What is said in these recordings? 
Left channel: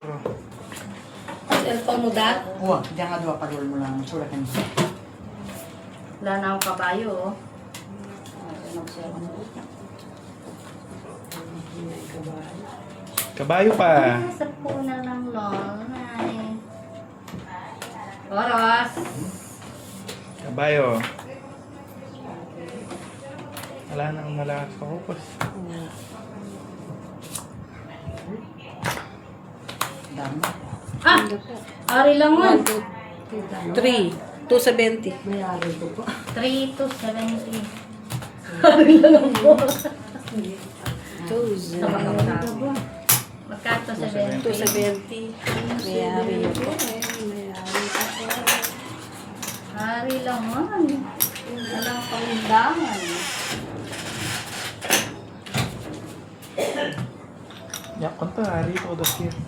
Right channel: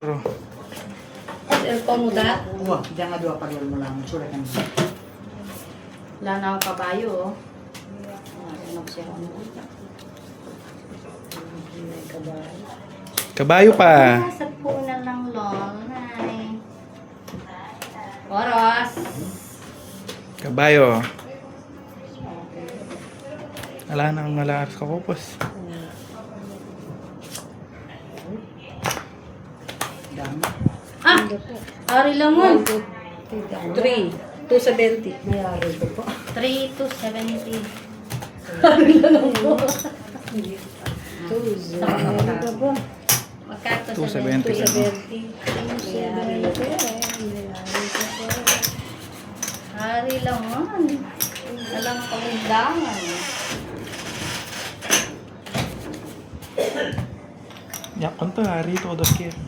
Cellphone mo da? Wah, jangan dua padol mo lang. Sure kan. Wala na akong kabayo, oh. Magsiyaw ano. Kabayo pa. Sa puna ng lol. Hi. Oros. Kabayo. Wala nang malakas ka pupos. Dami. Ah! Ari lang mo. 3, 270. May ari ko po. 3 to 70. Magkato 270. 70. Ari lang man. Walang pamindangan. Yak konto hari to dos kit.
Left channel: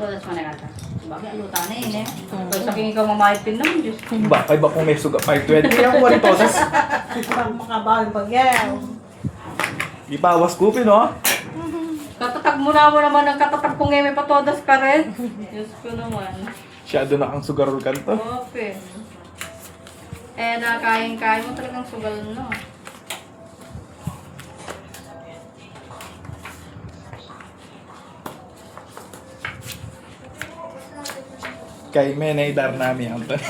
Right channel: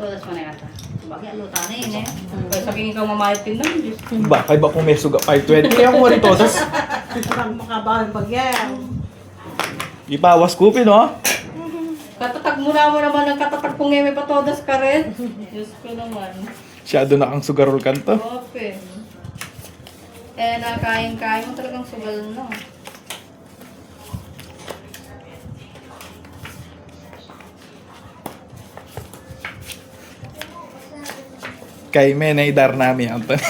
Todas mo na kata. Bakit ano tanay eh? Kaya saking ikaw mamayad pin lang, Diyos. Ba kay ba kung may suga 520 kaya mo rin todos. Parang makabahan pag yan. Ibawas ko no. Katatag mo naman ng katatag kung may patodas ka rin. Diyos ko naman. Siyado na ang sugarol kanto. Okay. Eh, nakayang-kaya mo talagang sugal no. Kay may naidar nami ang tan.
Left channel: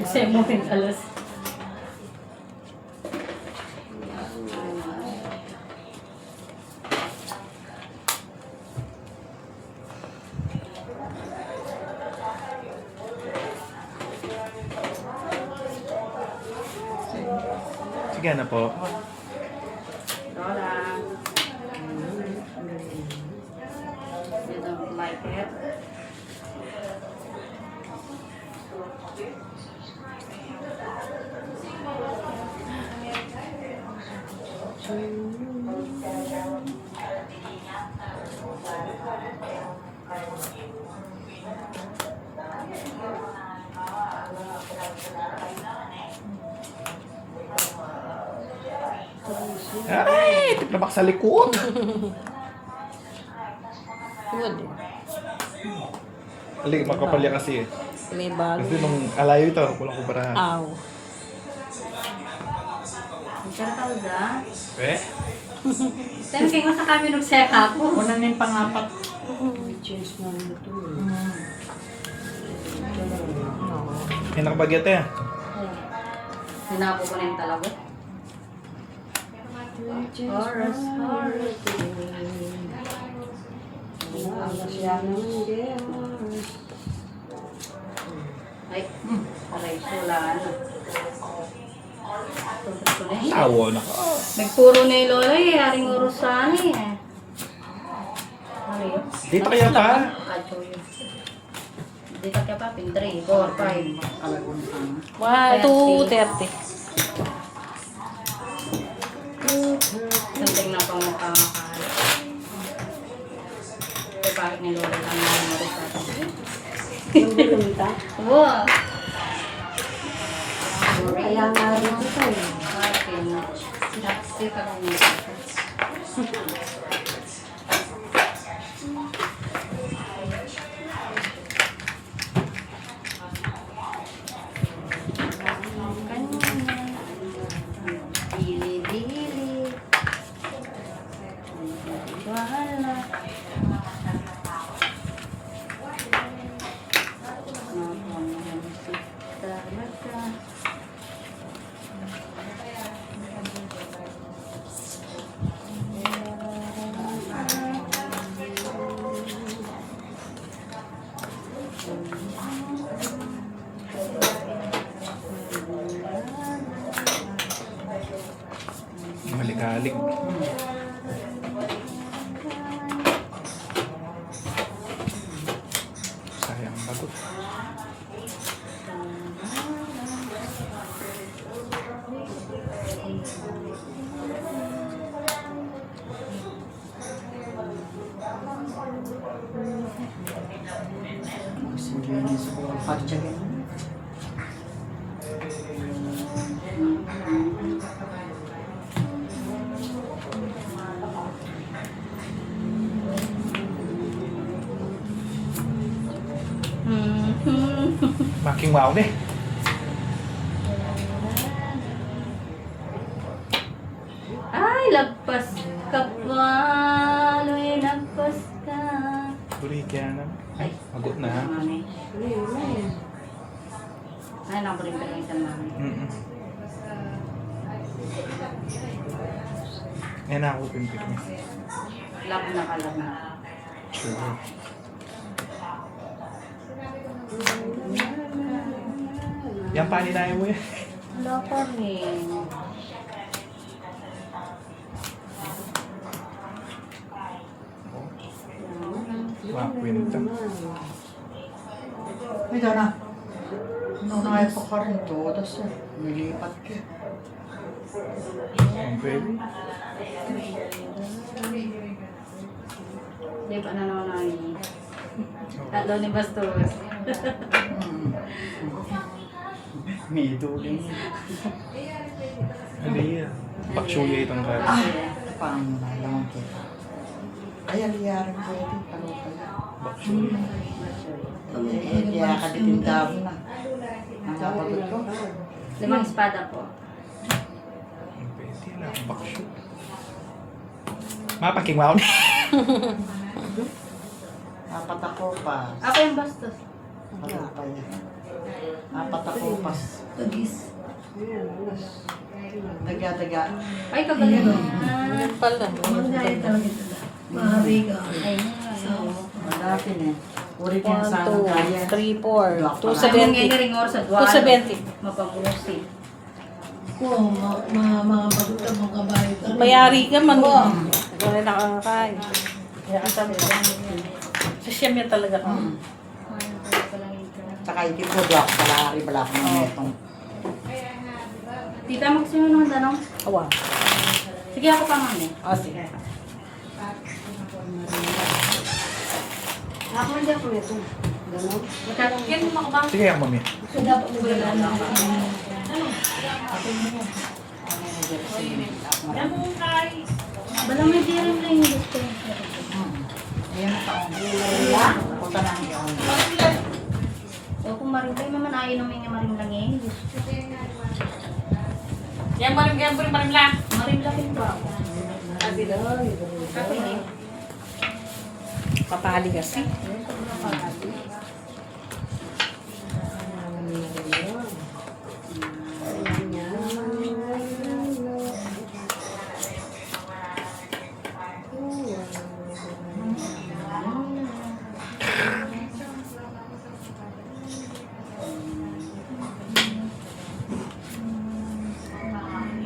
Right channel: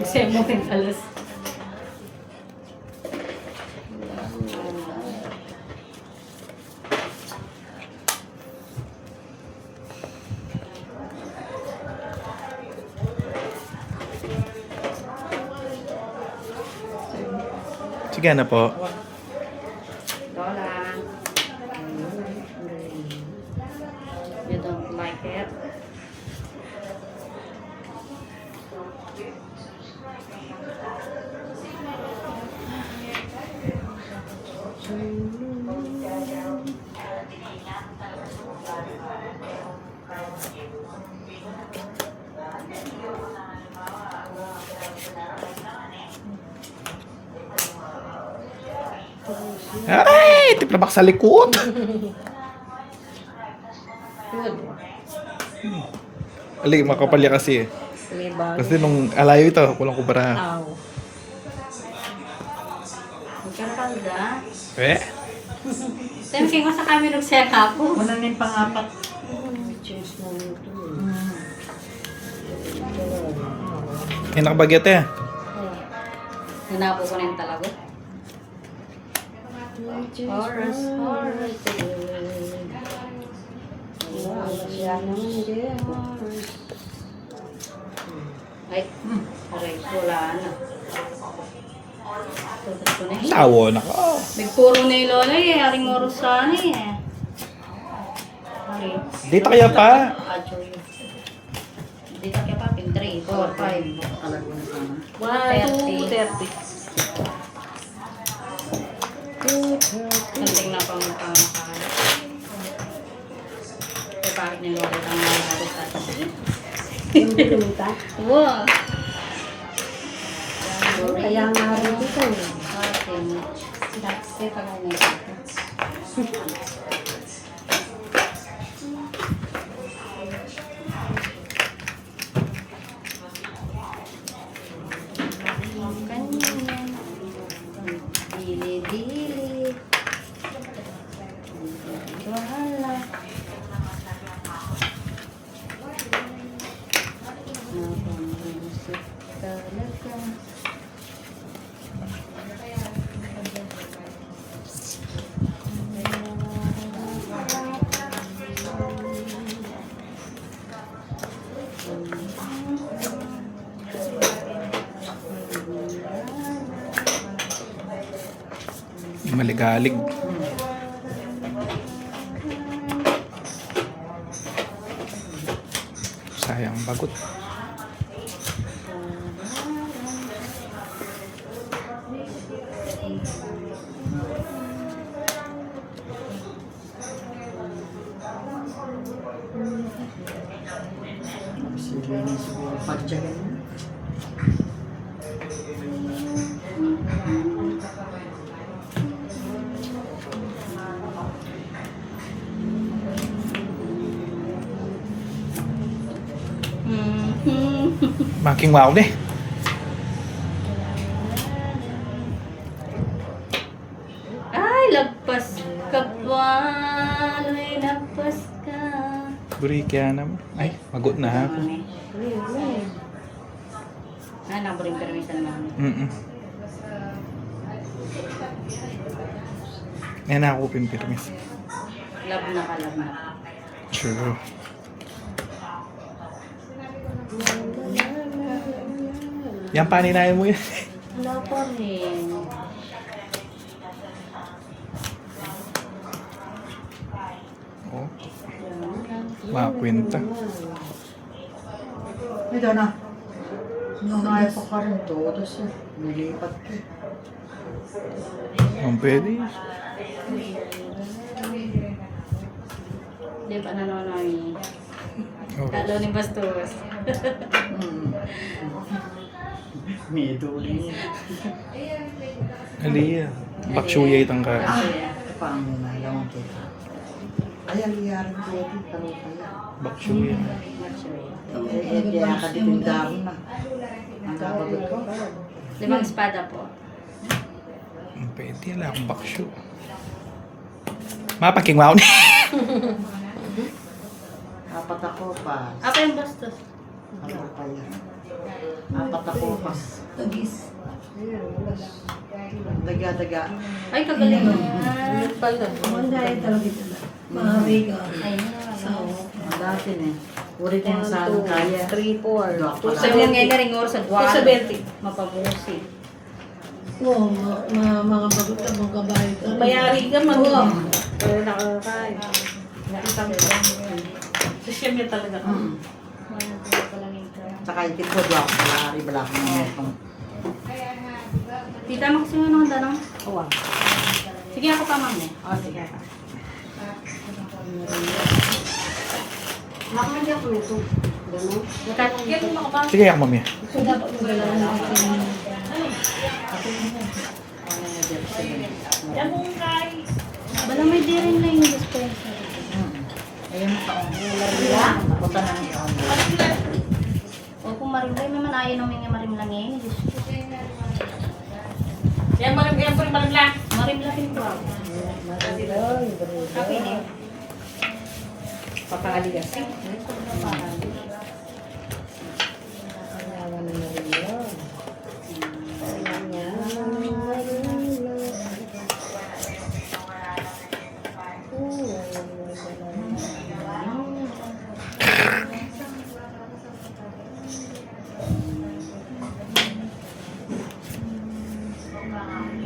Kasi mo rin alas. Sige na po. Lola. You don't like it? Ay, tiplabak sa likod. Good. Ali, makapalya kasi. Libal. Kasi nung alayo ito, kulang ko para. Aw. Magkano pa da? Eh? Thank you sa kami nag-check-up. Una na yung pangapat. Change na nito. Yung nakabagyat eh. Sinapo ko na yung talaga. Horus, horus. Wala siya naman din. Ay, aray, wala na. Tapos ko na eh. Tawo na ko. Nagpuro na yung lola eh, haring oros sana eh. Hari. Dito kaya pa. Acho yun. Dito kaya pa, pin 3, 4, 5. Alam ko na sana. 230. Something na pang nakakakala. Kaya bakit na lola lang na oros sana? Yung bulunta. Wow! Kaya nga rin ito eh. Okay. Saksi pa lang yun. Dili-dili. Bahala. Maligalig. Sayang bagot. Sige na siguro pagjagan. Making wow deh. Ay, lagpas ka pa. Ay, lagpas ka. Buri kaya naman. Ay, magot na ha. Mami. Ay, nakurin pero minsan mami. Yan ako pimpirmis. Love na ka, love na. Sure. Yan paninayan mo yan. Wala pa rin. Oh, makwenta. Hindi na. Nangayat pa ka rin to. Tapos nilipat ka. Yung pwede. Di ba na naman namin? Oh. Lalo ni Bastos. May duling. Aliyah. Baksuya itang kara. Paano na lang ito? Ay, ang iyari ko ito. Ano pala? Baksuya. Kaya ka ditindam na. Ang kapagod ko. 5 espada po. Yung pwede lang. Baksyo. Mapaking wow ni. Apat ako pa. Ako yung Bastos. Ako pa yan. Apat ako pa. Daga-daga. Ay, kagaling mo. Ang dati eh. Uri din sa ano kaya. 3, 4. Sabi nga nga ring oras sa 270. Mapamusi. Mayari ka man. Wala na kakakain. Sa siyam yan talaga. Saka ikit mo doon. Palari bala ko ng netong. Tita, magsiyo ng tanong. Awa. Sige, ako pa mami. Ah, sige. Nakamadya ko nito. Ganon. Magkakagyan mo makabang. Sige ako mamaya. Bala may diring na yung gusto. Ayun pa. Ako pa lang yun. O kung marimlay naman, ayaw namin yung marimlangin. Yan marim lang. Marimlangin po ako. Kape niya. Papali kasi.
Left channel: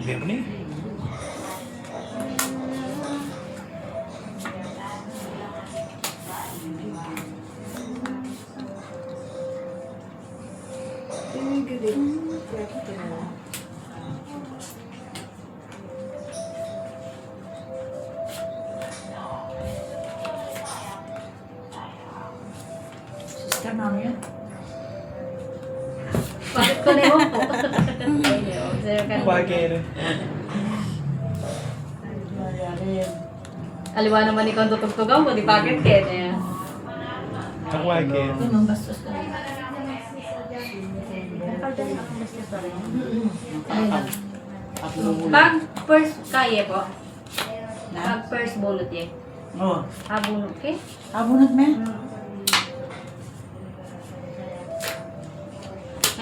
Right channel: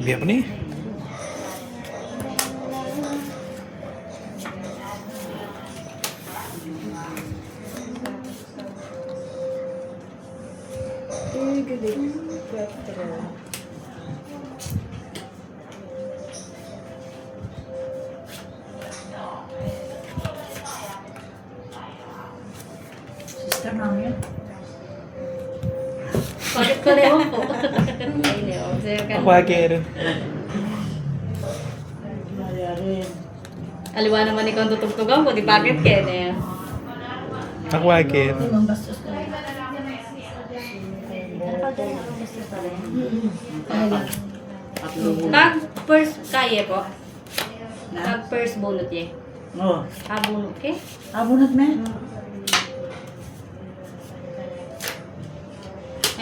Biar apa nih? Sister namin yun. Bakit ko rin po? Ayun, observe ka. Ako akin. Mayarin. Aliwa naman ni kung tutugtugan mo, di bakit kaya niya. Ako akin. Pag first kaya po. Pag first bunot eh. Oo. Ha, bunot ke? Abunod me.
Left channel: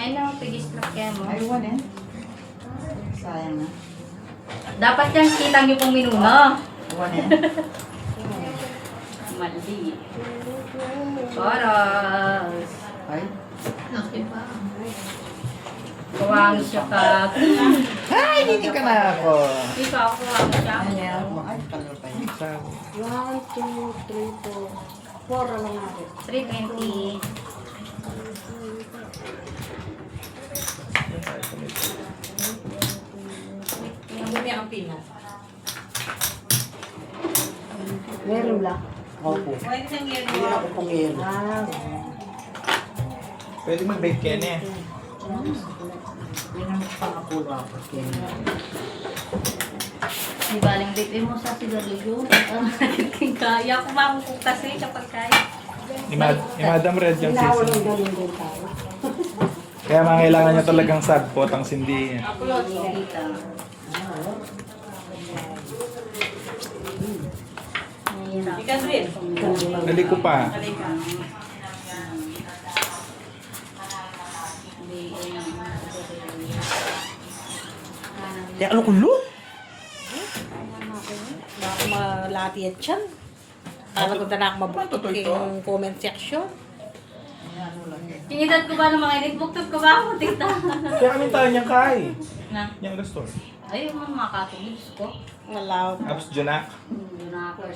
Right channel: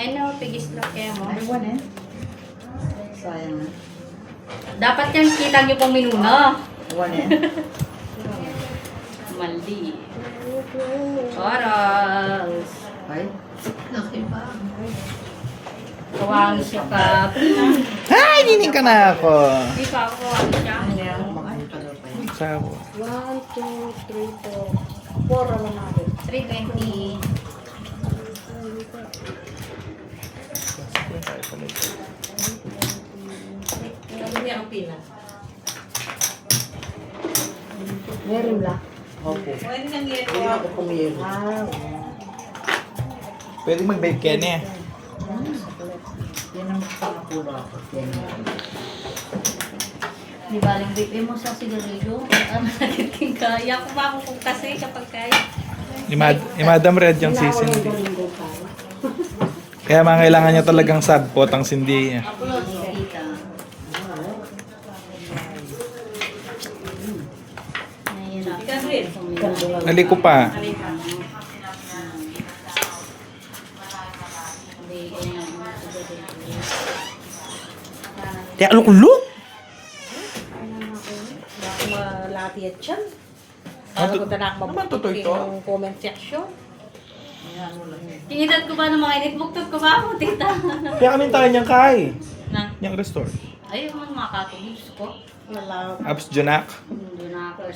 Ano, pigis na kaya mo. Ayun eh. Sayang na. Dapat yan kita niyo pong minuna. Ayun eh. Mali. Oras. Ay. Kawang siya ka. Ay, hindi ka na ako. Hindi pa ako kawang siya. Ayan. Makalipan pa yun. Sabo. 1, 2, 3, 4. 4 naman natin. 320. Ano niya ang pina? Meron lang. Okay. Pwede kang yan. Hindi ako kumiro. Wow. Pwede mag-bake ka niya. Yan ang pangapula ko. Di baling baby mo sa sigarilyo. Ang nakiting kaya. Kumakong kong kasi siya pagkain. Ni Madam Red yung Pinahuli season. ganun din tayo. Kaya mga kailangan niya talagang sagpot ang sindi niya. Upload sa kita. Nahihirap. Ikaw rin. Naliko pa. Kaya ano kulo? Malati at siya. Ano Ano ko na ako mabutot yung comment section. Kinitat ko ba ng mga init? Buktot ko ba ako, tita? Kaya kami tayo niyang kay. Na? Niyang restore. Ay, yung mga katulog ko. Nalaw. Abs Janak. Hindi na ako.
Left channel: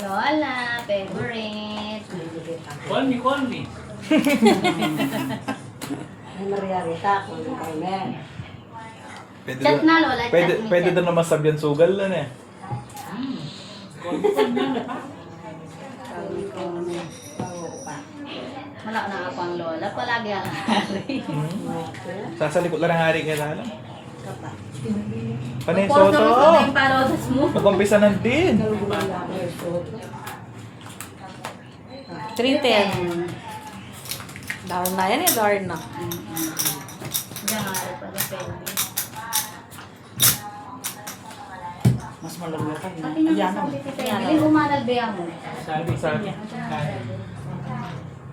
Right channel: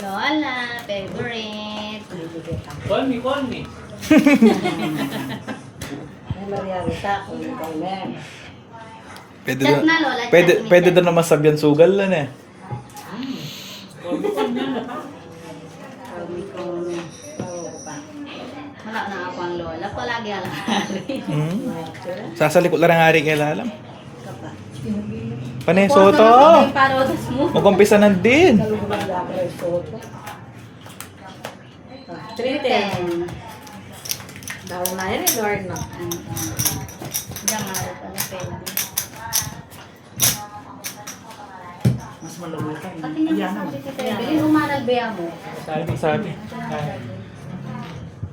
Lola, favorite. Call me. Ay, Maria Rita, kung kay Mer. Pwede Chat doon. na, Lola. Chat Pwede, ni pwede Chat. doon naman sabihan sugal lang eh. Wala na ako ang Lola. Palagi ang Sasalikot lang ang hari kaya lalam. Panay Porto Soto. na yung parodas mo. Mag-umpisa na din. 310. Down na yan eh, Lord na. Diyan nga rin pala pwede. Mas malulog ka. Pati nga sabi ko tayo, bilhin umanal ba mo? Sabi.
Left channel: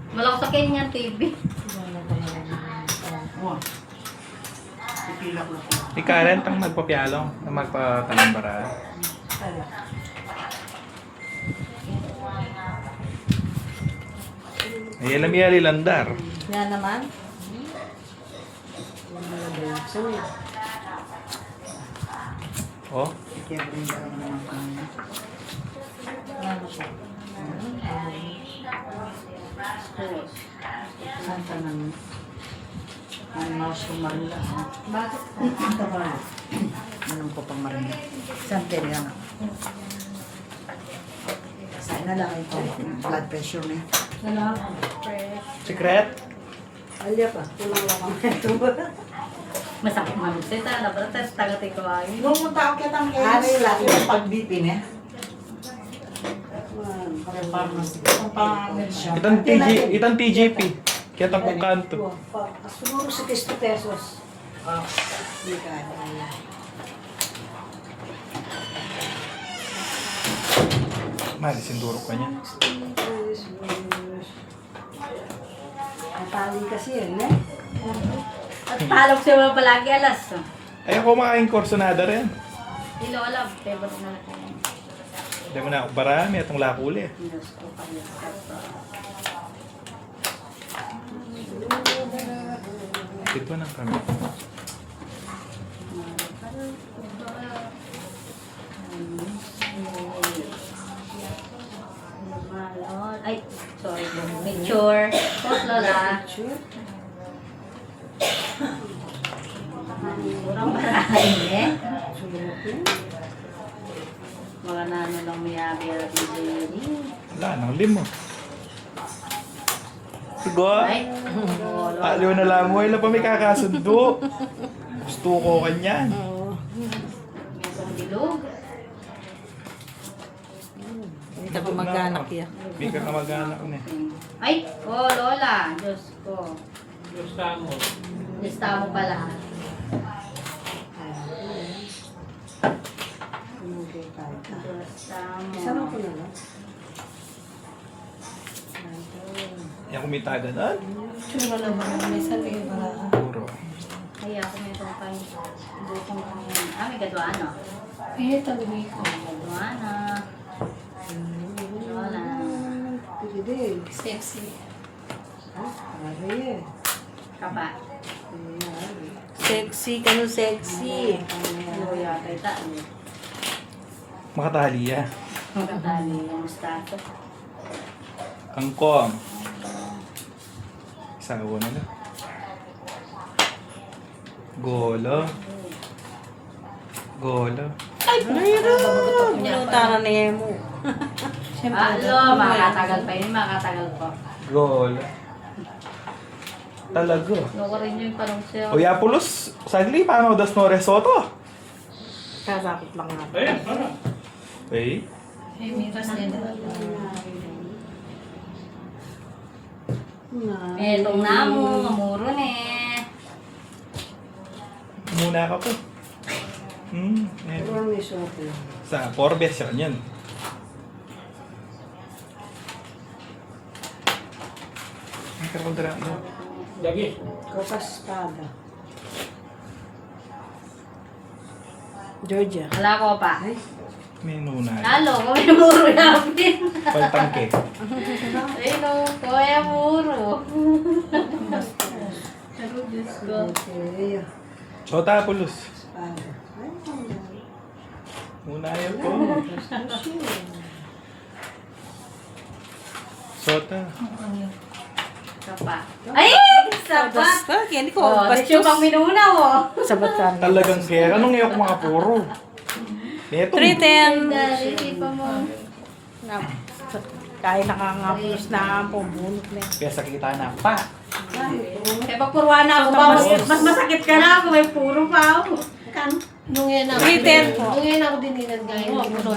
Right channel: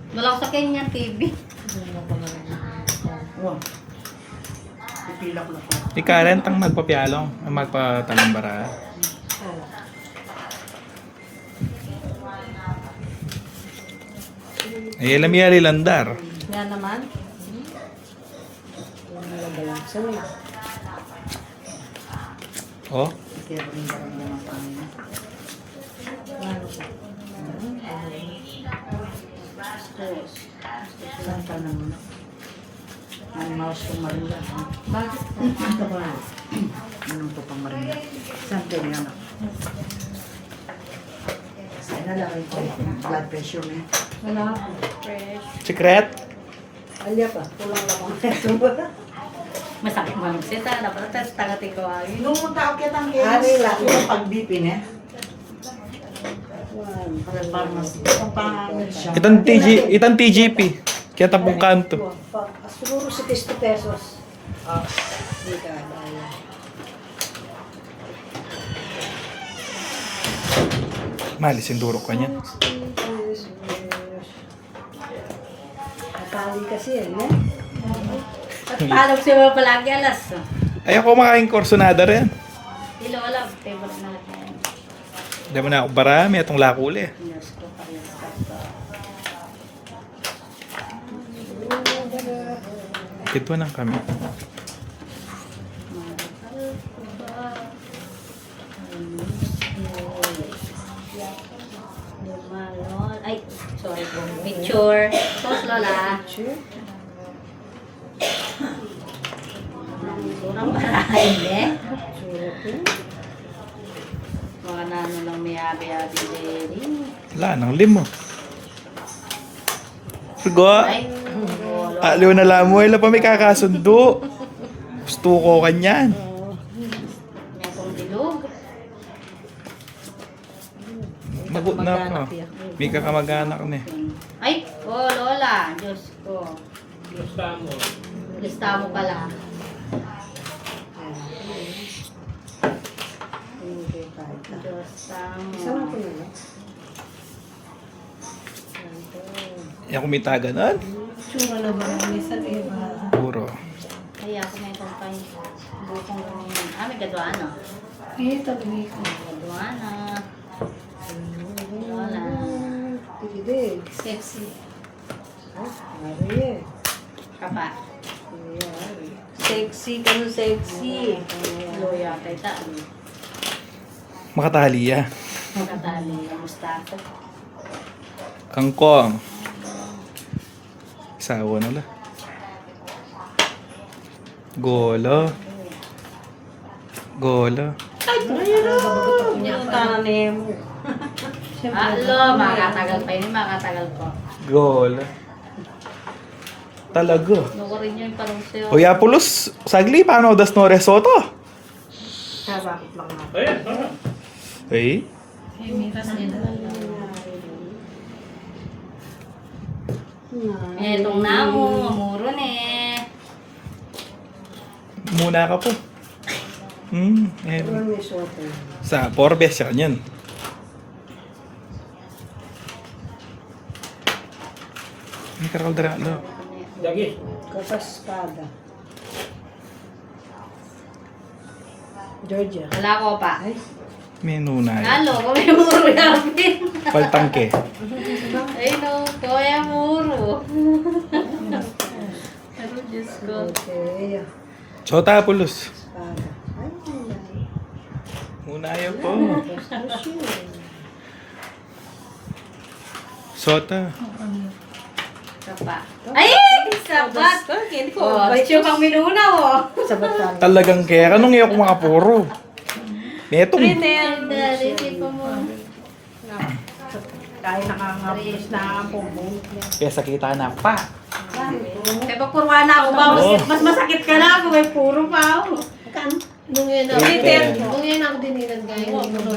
Wala ko sa Kenyan TV. Wow. Pipilak na ko. Ni Karen tang magpapyalong, ang magpatalambara. Ay, alam niya lilandar. Yan naman. Yung malagay yung sawi. Oh, Kaya rin ka rin naman kami. Yan na siya. Saan ka nang ang mouse ko marila? Bakit? Ito ba? Anong ko pang marila? Saan ka niya na? Saan na lang ito? Blood pressure niya. Wala. secret? Alya pa. Kulang lang ang ito. Masakit mo. Sita na pala. Tapos tagati ko. Nung tao kita ang Ari lang. yung pag-BP niya. Itang TGP. Kaya tampong kanto. Siguro 60 pesos. Hindi ka. Ayan. Mali, sindurok ka niya. Natali kasi yan eh. At palog siya palagi alas. Ayaw ko makain korsonada rin. Hindi Lola. Favorite na lang yan. Hindi mo na ako barami atong lakuli. Diyos ko pa yun. Ito na kami. Ay, sorry. Picture. Post Lola. Sure. Kurang parahin eh. Sure ko. Mga nano lang miyabi-yabi Jerry. Wala, nang limo. Sigo. Ay, wala. Aliw na lang mo. Ila pa may kakasundo. Gusto ko kanyan. May kong bilog. Nagot na ako. Mag-anak yan. May kakamag-anak na eh. Ay, oh Lola. Diyos ko. Lista mo pala. Okay, tayo. Diyos Saan mo. ako na lang? Yung kumita ganon. Tsura na ba? May sarili ba? Puro. Kaya kung may itong pang butong pang... Ah, may gadwaan ah. Eh, tabi ko. Gadwaan ah. Lola. Pwede. Sexy. Ari. Kapa. Sexy ka no, sexy. Loya kay taan. Makataliya. Magkatali ng mustato. Kangkong. Isawa na lang. Golo. Golo. Punta na ni mo. Alo, makatagal pa yun. Makatagal po. Golo. Talaga. Nawa rin yung parang siya. O Yapulos, sagli, paano das no risotto? Kasakot lang na. Ayun, ano? Okay. Eh, miras yan. Etong namo, muro ne. Muna ka po. Eh. Parang may soto. Sa Forbes yan yan. Ay, karal-dara. Dagi. Copas espada. Georgia. Wala ko pa. Menu na. Halo, kuya muro namin. Pagtangke. Ay no, kuya muro. Pero Diyos ko. Okay. So, Tapulos. Espada. Ay, ayan. Muna yun po. Tapos yun. Sota. Sapa. Ay! Sapat! Hindi ko. Oh, siya pang minunaw oh. Sabat lang. Talagang kaya. Anong ngayon kung makapuro? Neto. 310. Dali, pa mo. Kaya nakangapos na ang pumunit. Kaya sakita na pa. Eh, pagpurwa na ako ba? Mas masakit ka na ako. May puro pa ako. Nung yan ako, 310. nung yan ako dinilan gaya hindi mo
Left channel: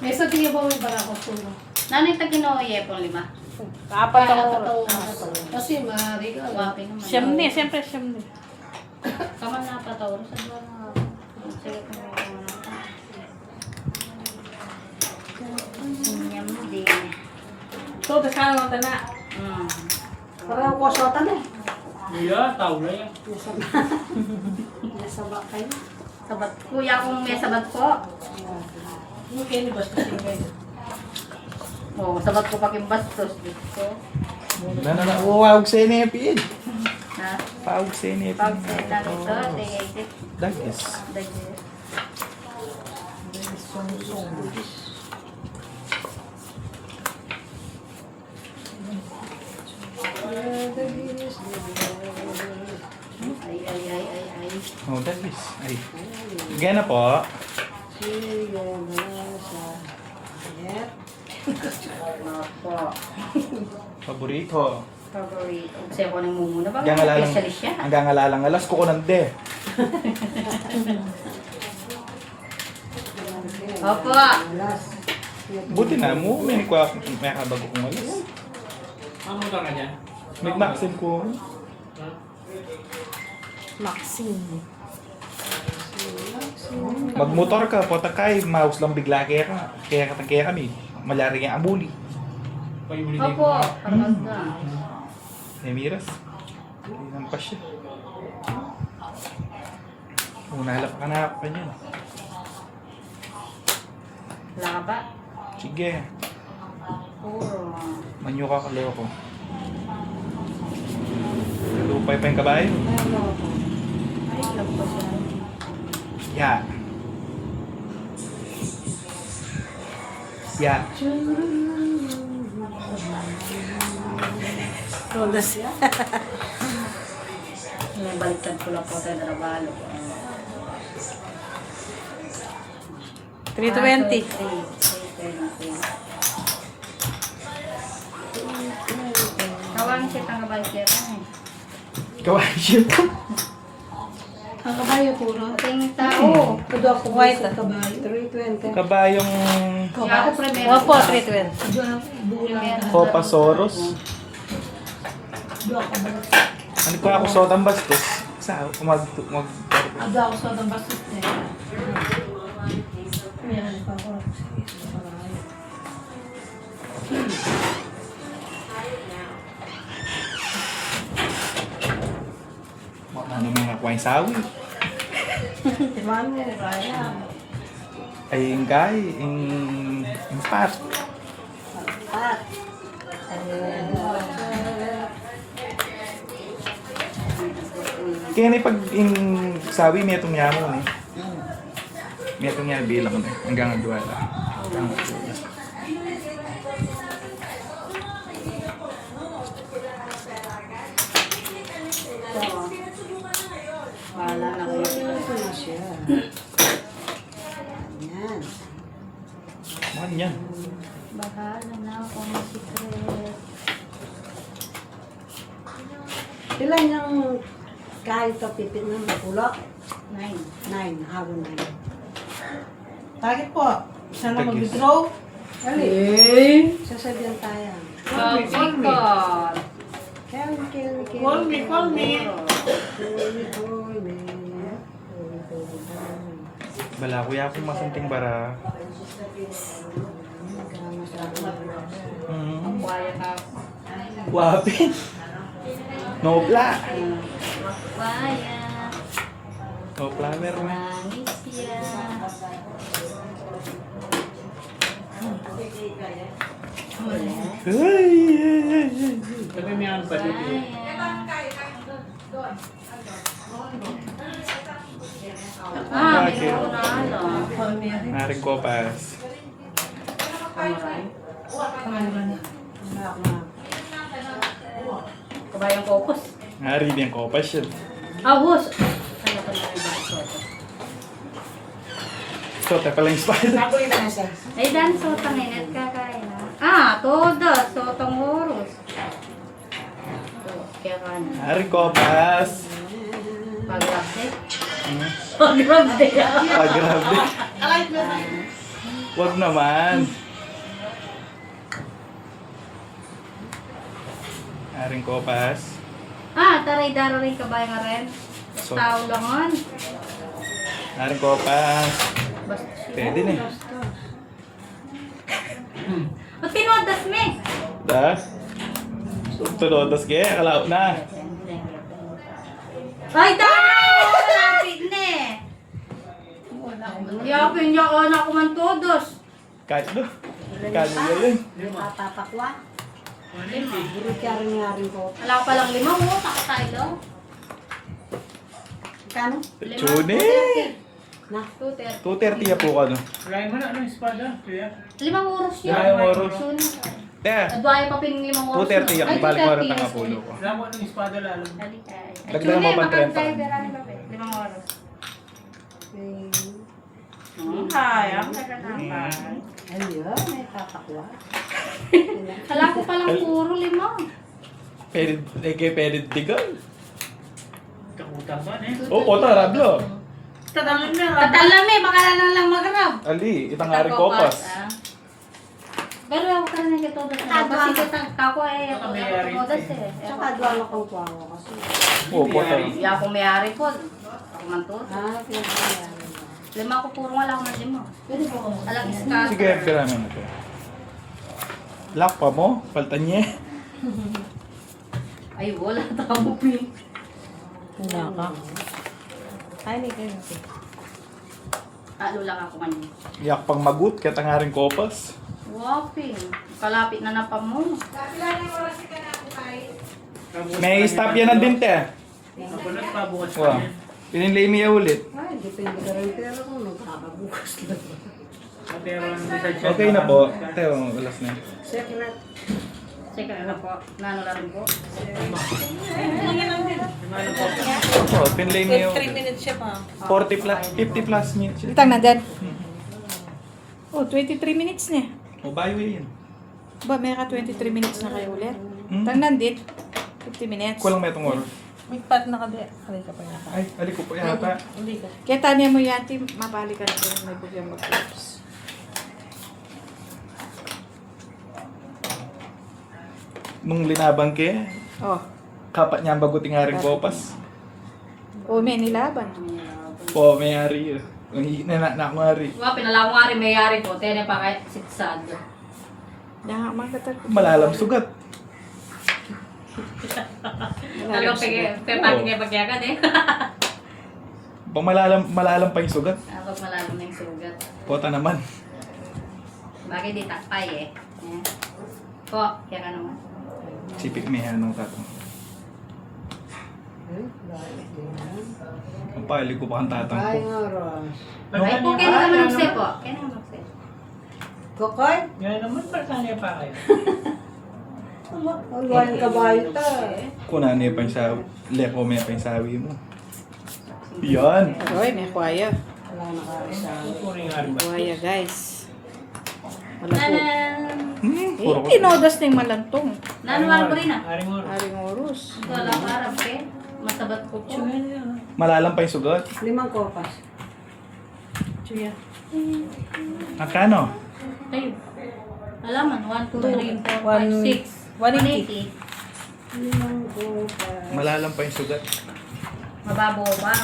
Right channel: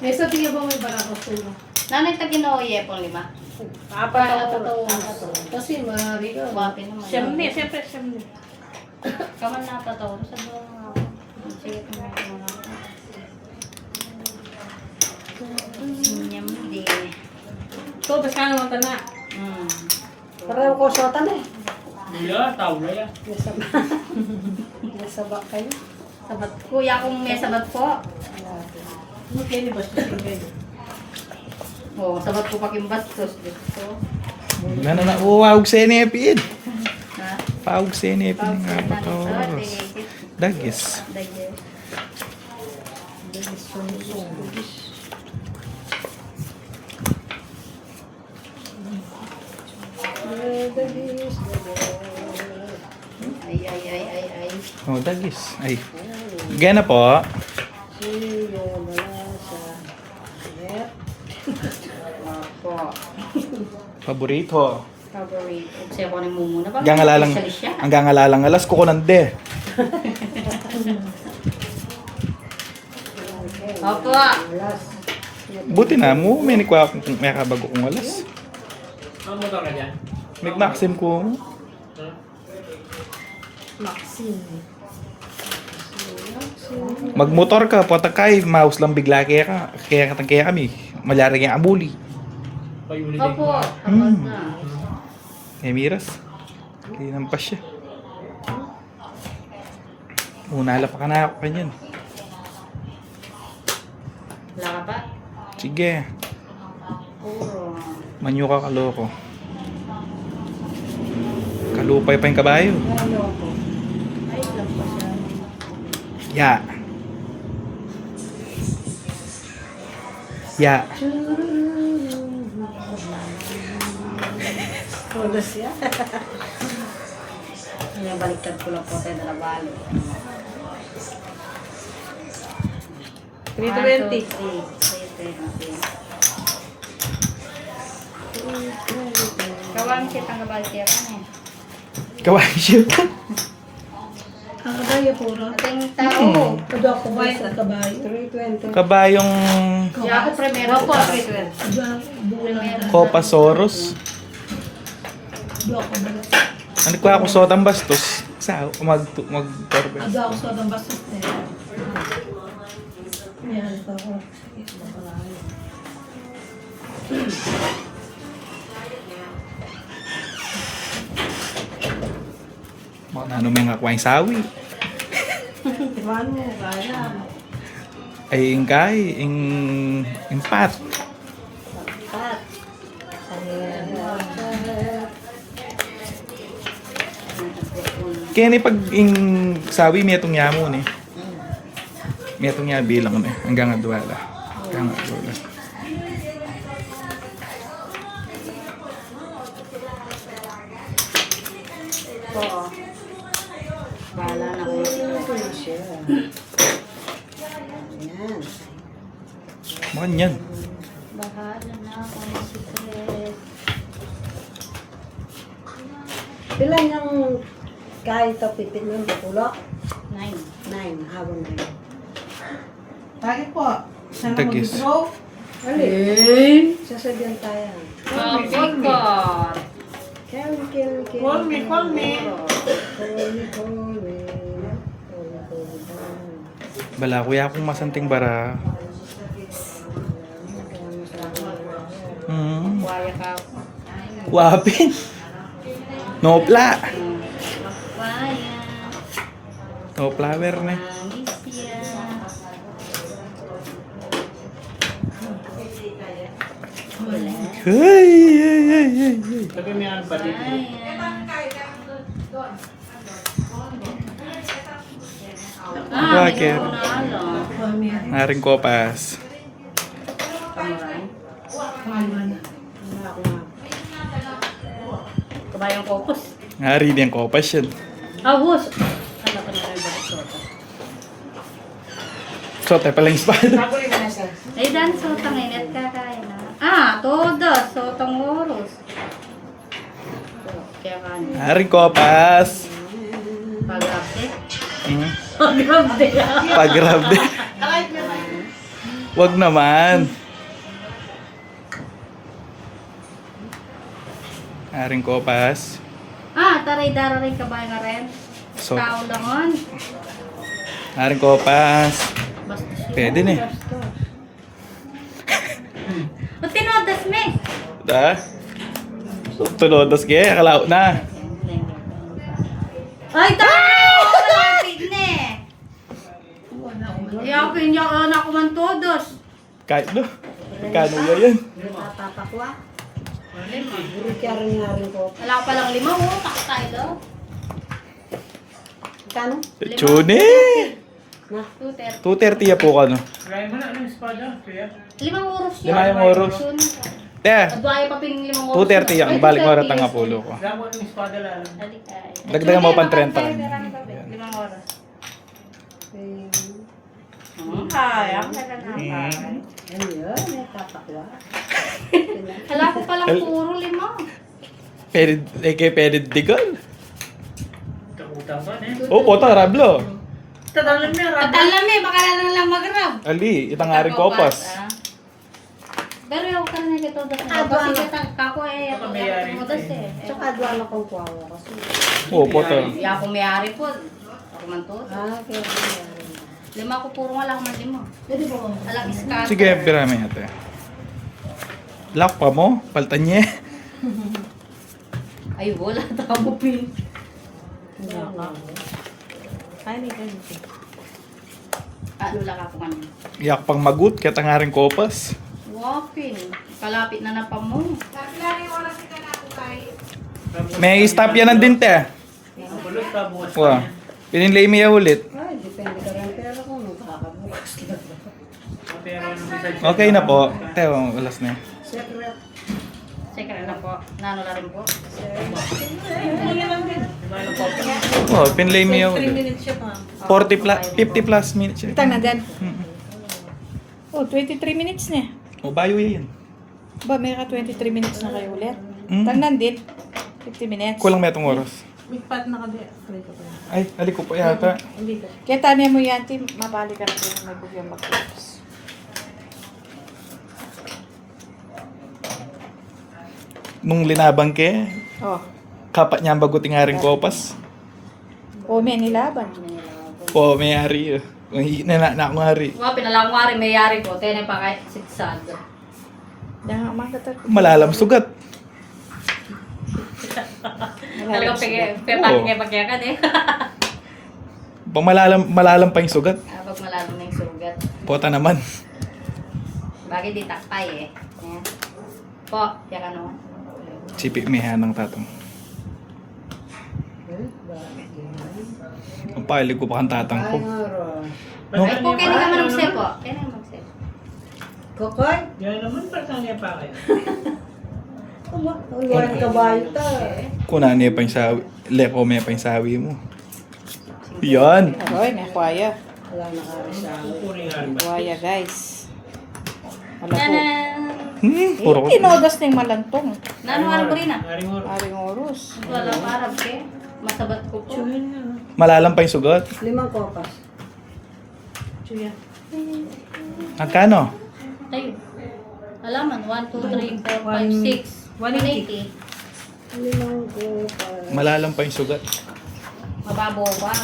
may sabi niyo ba may barakot ko no? Nanay taginoye pong 5. Apat na Nakatotoo. Kasi marami ka. Wapi naman. Siyempre, siyempre. Kaman na pa to. Sa mga ako. Sige po na ito. Nyamdi. So, tas ka naman na. Parang ko sotan eh. Kuya, tawla yan. Nasaba. Nasaba kayo. Sabat. Kuya kung may sabat po. Mungkin basta kayo. Oo, sabat ko paking bastos. Dito. Uwawag sa inepid. Na. Pawag sa inepid Pag nga pa sinanito, pa. tigay-tip. Dagis. Dagis. Ay. Oh, dagis. Ay. Gana po. Sige, sa net. Opo. Paborito. Favorite. Kasi ako nang mumuna ba? Hanggang alalang, Specialist siya. hanggang alalang alas ko nande. Opo. Last. Buti na mo, may kabago kong alas. Ang motor ka dyan? May maxim ko. Ha? Maxine. Magmotor ka, patakay, mouse lang bigla kaya kami. Malarang yung abuli. Payuli din. Opo. Pagod na. Miras. Hindi nampas siya. Unala pa ka na ako kanyan. Wala ka pa? Sige, Oo. manyo ka kaloko. Kalupay pa yung kabayo. Ano po? Ay, lampas Ya. yan. Ya. Tulas yan. Yung baliktad ko lang po tayo trabaho. 320. 320. Kawan siya kang kabalkira niya. Kawain siya. Ang kabayo puro. Ating tao. Kudo ako ba sa kabayo? 320. Kabayong Kaya ako primero po. 320. Buo na. Copasaurus. Kudo ako ba? Ano ko ako sotang bastos? Sa mag Ado ako sa ng bastos na yan. Yan, pako. ano may nga kuwain sawi. Iwan mo, kaya. Ay ingkay, pat. Pat. Kaya ni pag sawi may itong yamo ni. May itong bilang na hanggang adwala. Hanggang adwala. Oo. Bahala na kayo. Ano siya? Yan. Mukhang yan. Bahala na ako ng secret. Pila yung kahit ito pipit ng pulok? 9. 9, habang 9. Target po. Sana Tagis. mag-draw. Wali, Eh. sasabihan tayo. Kapit. Kill. Call me. Call me. Bala, kuya akong masanting bara. Waya ka. Wapin. Nopla. Waya. No flower na. Manisya. Ay. Tapi may ano pa dito. Bakit? Naring kopas. Kabayang kokos. Nari din kopas yun. Abos. Ano pa na iba sa soto? So, tayo pala yung espada. Ako yung nasa. Ay, dan sotang ingat ka kaya na. Ah, todos. Sotang oros. Kaya man. Naring kopas. Pag-rapde. Hmm. Pag-rapde. Pag-grab din. Wag naman. Naring kopas. Ah, taray daro rin kabayan nga rin. So, Tao langon. naring kopas. Basta siya. Pwede na eh. O tinodas me. Da? Tulodos kaya, kalaot na. Ay, tayo! Malapit na eh. Iyapin niya ka na kuman todos. Kahit no. Kano ba yun? Tatakwa. Kaya rin ko. Wala pa lang 5 mo, pakatay daw. Kano? Chune! Na? 230. 230 ya po ka no. Try mo na anong espada, kuya. 5 oras yan. 5 oras. Soon. Teka, Adwaya pa pin 5 oras. 230 yan. Balik mo rin tanga pulo ko. Wala mo anong espada lalo. Dagdagan mo pang 30. 5 oras. Kaya, Ano yun? May tatakwa. Hala ko palang puro 5. Pwede, pwede digal. Kakuta ba eh? Oh, pota, rablo. Tadalan niya, Tatal na me, baka na lang magrab. Ali, itang aring kopas. Pero ako ka na nagkatodas na. Kasi kako ay ako nagkatodas eh. Tsaka duwala kong kuwawa kasi. Oh, pota. Iya ako may-ari po. Ako man to. Kaya nangyari. 5 ko puro wala man 5. Pwede po. Alang iska. Sige, pirami ate. Lock pa mo, paltan niya. Ay, wala. Tamo pin. Ano lang ako kanina. Iyak pang magut, kaya tang aring kopas. Waping. Kalapit na na pa mo. May stop yan ng dinte. Bulot pa bukas pa Wow. niya. Pininlay mo yan ulit. Ay, depende ka rin. Pero kung magkakabukas lang. Pero ang message Okay na po. Teo, alas na yun. Secret. Check na po. Nano lang rin po. Lima lang po. Oh, pinlay mo yung 3 minutes siya pa. 40 plus, 50 plus minutes yun. Tang na dyan. Oh, 23 minutes na. O, bayo yan. Ba, may ka 23 minutes na kayo ulit. Hmm? Tang nandit. 50 minutes. Kulang may itong oras. May pat na ka din. Kanay ka pa niya. Ay, halik ko pa yata. Hindi ko. Kaya tanya mo yan, Tim, mabalikan ko yung may bugyan mag-close. Nung linabang ke, Oh. kapat niya ang baguting aring kopas. Oh, may nilaban. Po, may ari. Na ako ari. Wapin na lang ko nga rin may-ari ko. Tene pa kahit sigsad. Yan, makatal ko. Malalam sugat. Talagang pepakin niya pagyakan eh. Pag malalam pa yung sugat. Pag malalim na yung sugat. Pota naman. Bagay di takpay eh. Yan. Po, kaya ka naman. Sipi mehan ng tatang. Ang palig ko pa ang tatang ko. Ay, nga ron. Ay po, kaya naman magse po. Kaya naman magse. Kokoy? Gaya naman, para saan niya pa kayo? Ang luwayang kabayo ta. Kuna niya pa yung sawi. Leko may pa yung sawi mo. Yan. Aroy, may kuwaya. Wala na kami sa akin. Puring hari ba? Kuwaya, guys. Wala po. Tanan! Puro ko. Tinodas na yung malantong. Nanuhan ko rin ah. Aring oras. Aring oros. Ito lang parang ke. Masabat ko po. Malalam pa yung sugat. 5 kopas. Chuya. Magkano? Tayo. Alaman, 1, 2, 3, 4, 5, 6. 180. 5 kopas. Malalam pa yung sugat. Mababaw ba?